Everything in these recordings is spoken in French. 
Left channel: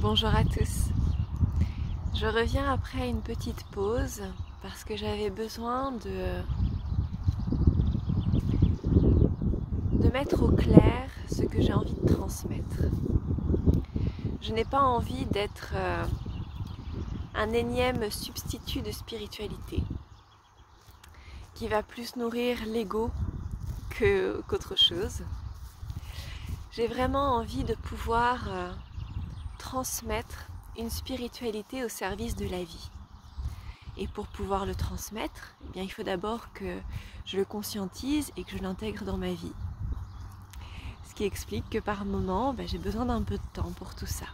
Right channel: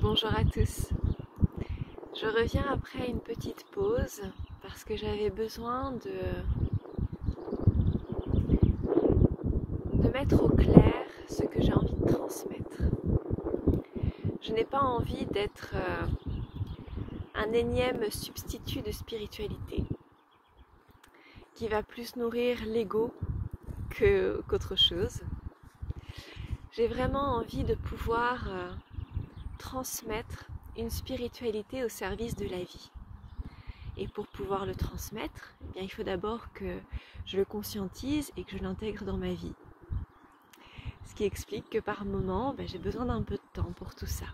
Bonjour à tous. Je reviens après une petite pause parce que j'avais besoin de mettre au clair ce que j'ai envie de transmettre. Je n'ai pas envie d'être un énième substitut de spiritualité qui va plus nourrir l'ego qu'autre chose. J'ai vraiment envie de pouvoir transmettre une spiritualité au service de la vie. Et pour pouvoir le transmettre, eh bien, il faut d'abord que je le conscientise et que je l'intègre dans ma vie. Ce qui explique que par moment, j'ai besoin d'un peu de temps pour tout ça.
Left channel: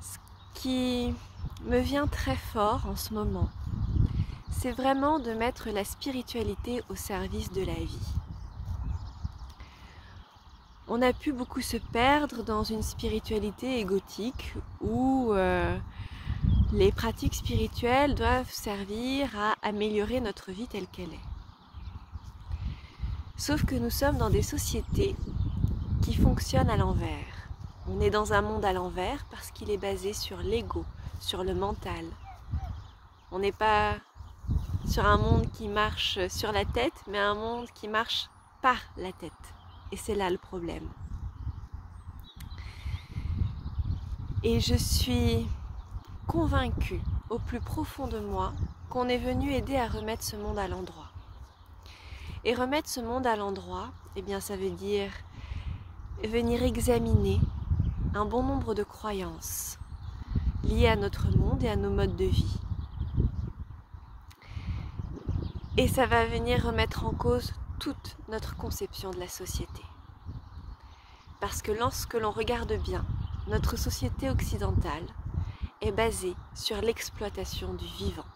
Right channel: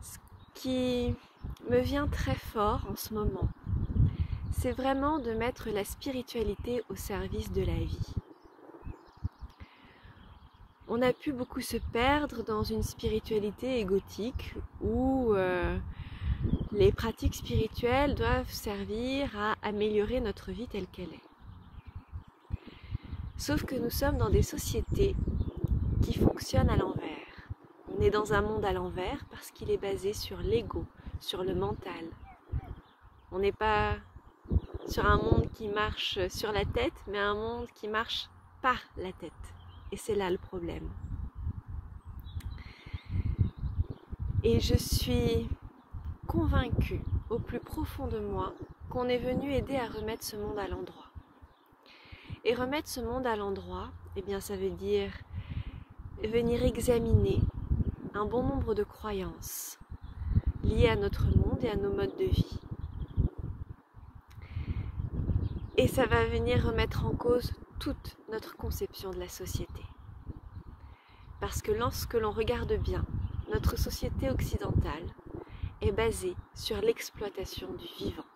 Ce qui me vient très fort en ce moment, c'est vraiment de mettre la spiritualité au service de la vie. On a pu beaucoup se perdre dans une spiritualité égotique où les pratiques spirituelles doivent servir à améliorer notre vie telle qu'elle est. Sauf que nous sommes dans des sociétés qui fonctionnent à l'envers. On est dans un monde à l'envers parce qu'il est basé sur l'ego, sur le mental. On n'est pas sur un monde qui marche sur la tête, mais un monde qui marche par la tête. Et c'est là le problème. Et je suis convaincue au plus profond de moi qu'on est venu aider à remettre ce monde à l'endroit. Et remettre ce monde à l'endroit, eh bien ça veut dire venir examiner un bon nombre de croyances liées à notre monde et à nos modes de vie. Et ça va venir remettre en cause toute notre conception de la société. Parce que lorsque l'on regarde bien, notre société occidentale est basée sur l'exploitation du vivant,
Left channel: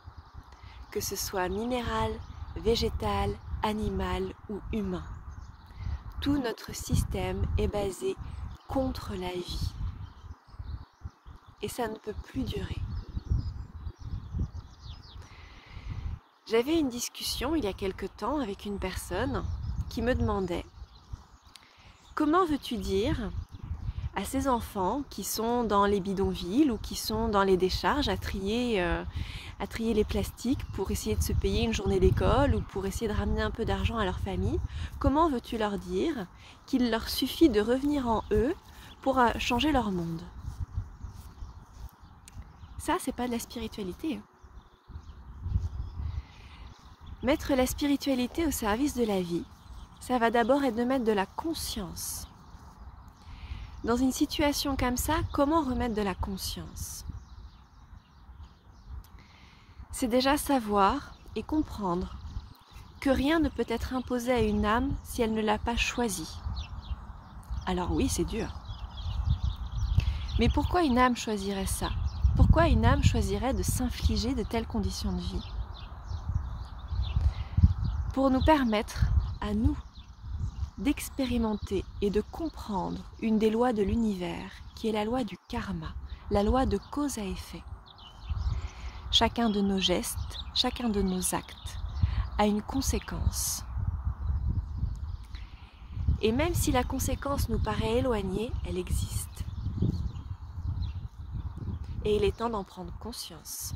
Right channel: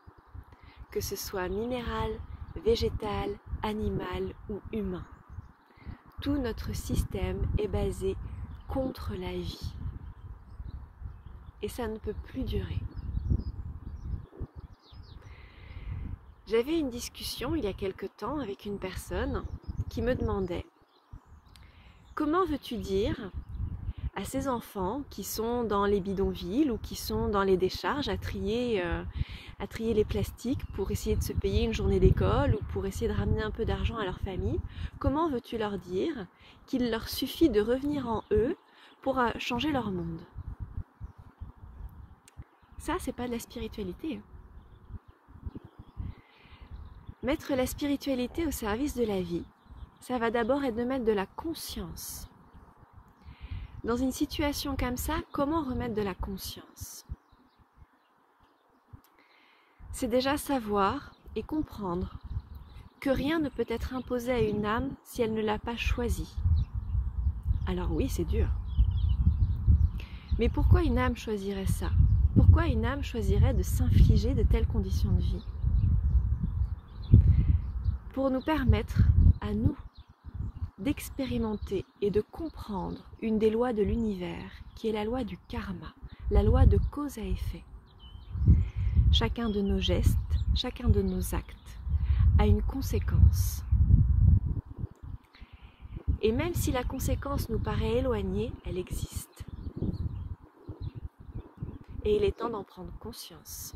que ce soit minéral, végétal, animal ou humain. Tout notre système est basé contre la vie. Et ça ne peut plus durer. J'avais une discussion il y a quelque temps avec une personne qui me demandait « Comment veux-tu dire à ces enfants qui sont dans les bidonvilles ou qui sont dans les décharges à trier les plastiques pour essayer de se payer une journée d'école ou pour essayer de ramener un peu d'argent à leur famille, comment veux-tu leur dire qu'il leur suffit de revenir en eux pour changer leur monde ?» Ça, c'est pas de la spiritualité. Mettre la spiritualité au service de la vie, ça va d'abord être de mettre de la conscience. Dans une situation comme ça, comment remettre de la conscience? C'est déjà savoir et comprendre que rien ne peut être imposé à une âme si elle ne l'a pas choisi. Alors oui, c'est dur. Mais pourquoi une âme choisirait ça? Pourquoi une âme choisirait de s'infliger de telles conditions de vie? Pour nous permettre, à nous, d'expérimenter et de comprendre une des lois de l'univers, qui est la loi du karma, la loi de cause à effet. Chacun de nos gestes, chacun de nos actes a une conséquence. Et même si la conséquence nous paraît éloignée, elle existe. Et il est temps d'en prendre conscience.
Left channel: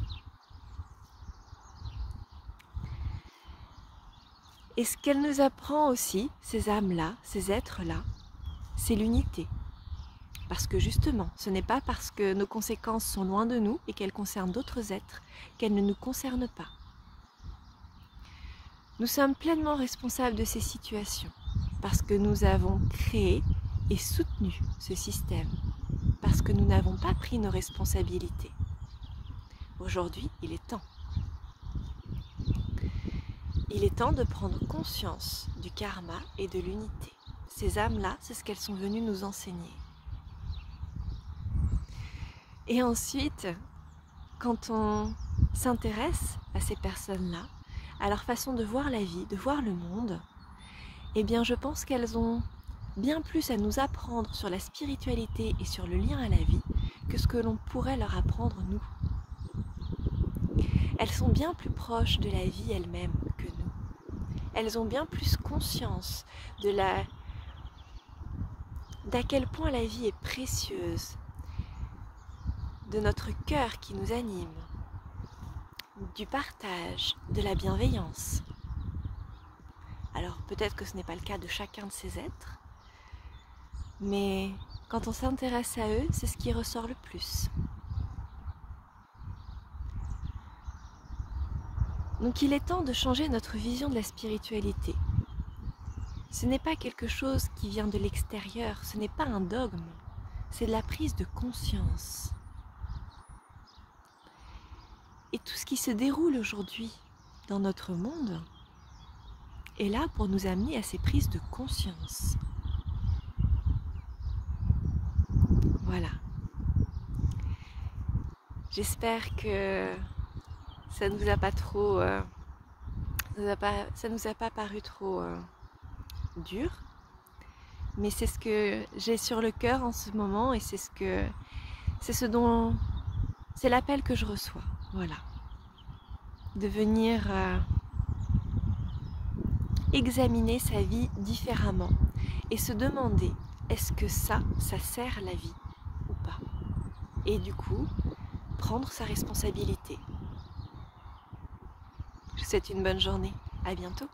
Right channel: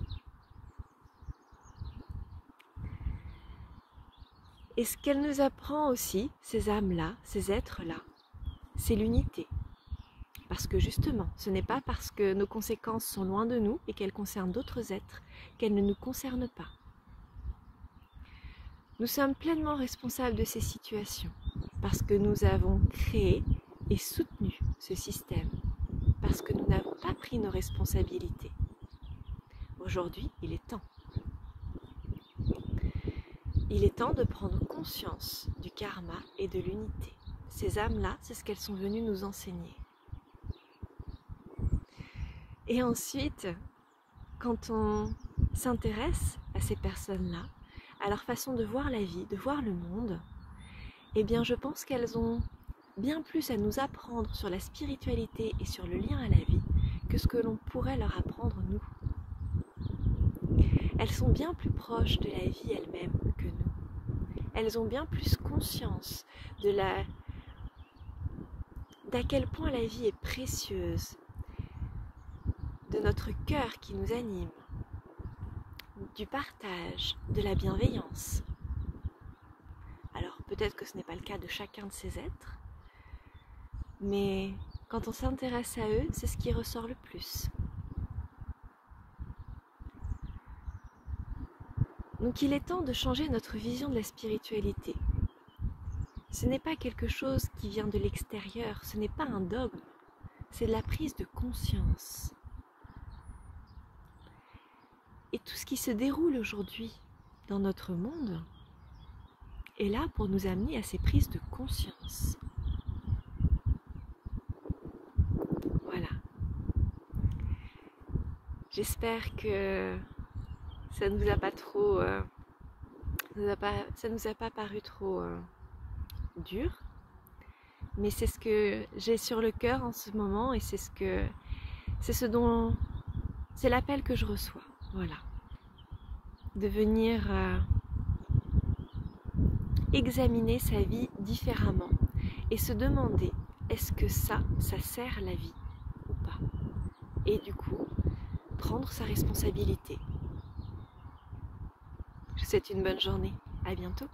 Et ce qu'elle nous apprend aussi, ces âmes-là, ces êtres-là, c'est l'unité. Parce que justement, ce n'est pas parce que nos conséquences sont loin de nous et qu'elles concernent d'autres êtres qu'elles ne nous concernent pas. Nous sommes pleinement responsables de ces situations parce que nous avons créé et soutenu ce système, parce que nous n'avons pas pris nos responsabilités. Aujourd'hui, il est temps. Il est temps de prendre conscience du karma et de l'unité. Ces âmes-là, c'est ce qu'elles sont venues nous enseigner. Et ensuite, quand on s'intéresse à ces personnes-là, à leur façon de voir la vie, de voir le monde, eh bien je pense qu'elles ont bien plus à nous apprendre sur la spiritualité et sur le lien à la vie que ce que l'on pourrait leur apprendre nous. Elles sont bien plus proches de la vie elle-même que nous. Elles ont bien plus conscience de d'à quel point la vie est précieuse, de notre cœur qui nous anime, du partage, de la bienveillance. Alors peut-être que ce n'est pas le cas de chacun de ces êtres, mais quand on s'intéresse à eux, c'est ce qui ressort le plus. Donc il est temps de changer notre vision de la spiritualité. Ce n'est pas quelque chose qui vient de l'extérieur, ce n'est pas un dogme, c'est de la prise de conscience. Et tout ce qui se déroule aujourd'hui dans notre monde est là pour nous amener à ces prises de conscience. Voilà. J'espère que ça nous a pas trop, ça nous a pas paru trop dur, mais c'est ce que j'ai sur le cœur en ce moment et c'est l'appel que je reçois. Voilà. De venir examiner sa vie différemment et se demander est-ce que ça sert la vie ou pas, et du coup prendre sa responsabilité. Je vous souhaite une bonne journée, à bientôt.